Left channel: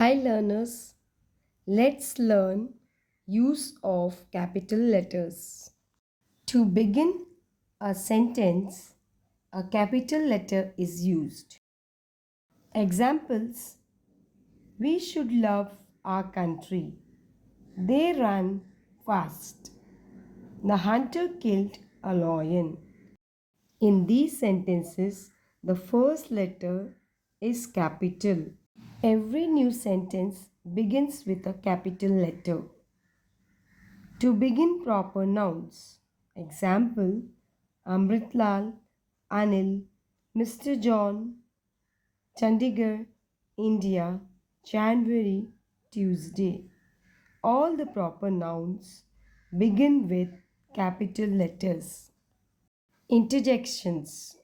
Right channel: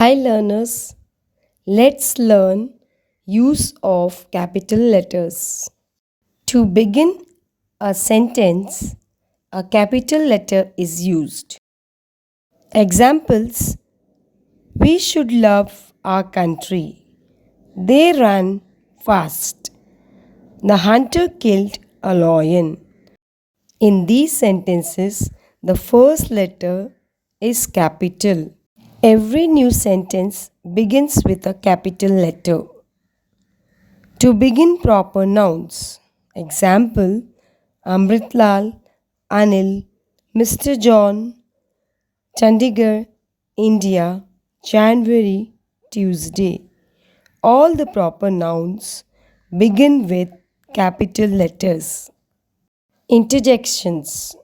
Hi learners, let's learn use of capital letters. To begin a sentence, a capital letter is used. Examples: we should love our country. They run fast. The hunter killed a lion. In these sentences, the first letter is capital. Every new sentence begins with a capital letter. To begin proper nouns. Example: Amritlal, Anil, Mr. John, Chandigarh, India, January, Tuesday. All the proper nouns begin with capital letters. Interjections.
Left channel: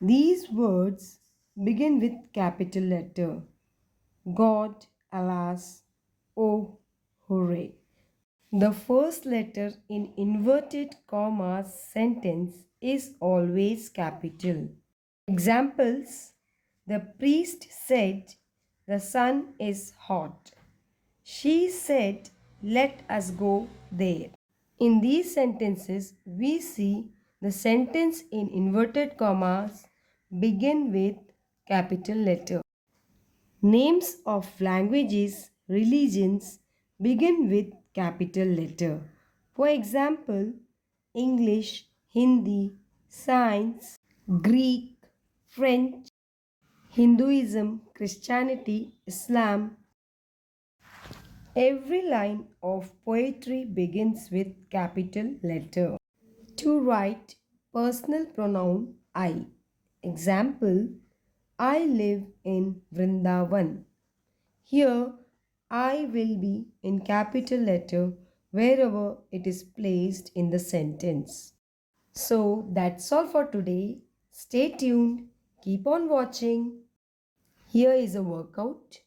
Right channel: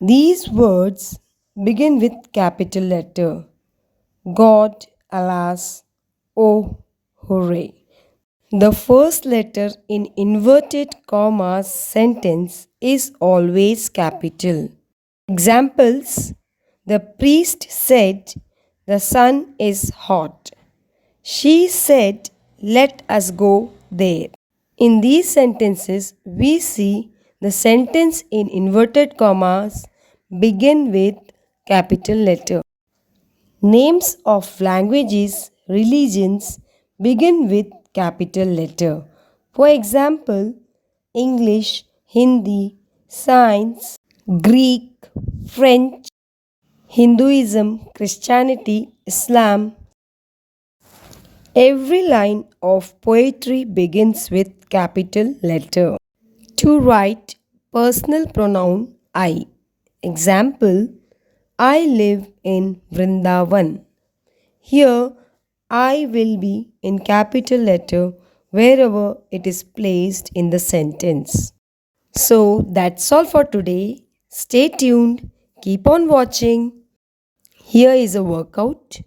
These words begin with capital letter. God, alas, oh, hooray. The first letter in inverted commas sentence is always capital. Examples: the priest said, the sun is hot. She said, let us go there. In these sentences, we see the sentence in inverted commas begin with capital letter. Names of languages, religions begin with capital letter. For example, English, Hindi, Science, Greek, French, Hinduism, Christianity, Islam. Every line of poetry begins with capital letter. To write personal pronoun I. Example: I live in Vrindavan. Here, I will be in capital letter wherever it is placed in the sentence. So that's all for today. Stay tuned. Keep on watching. Here is a workout.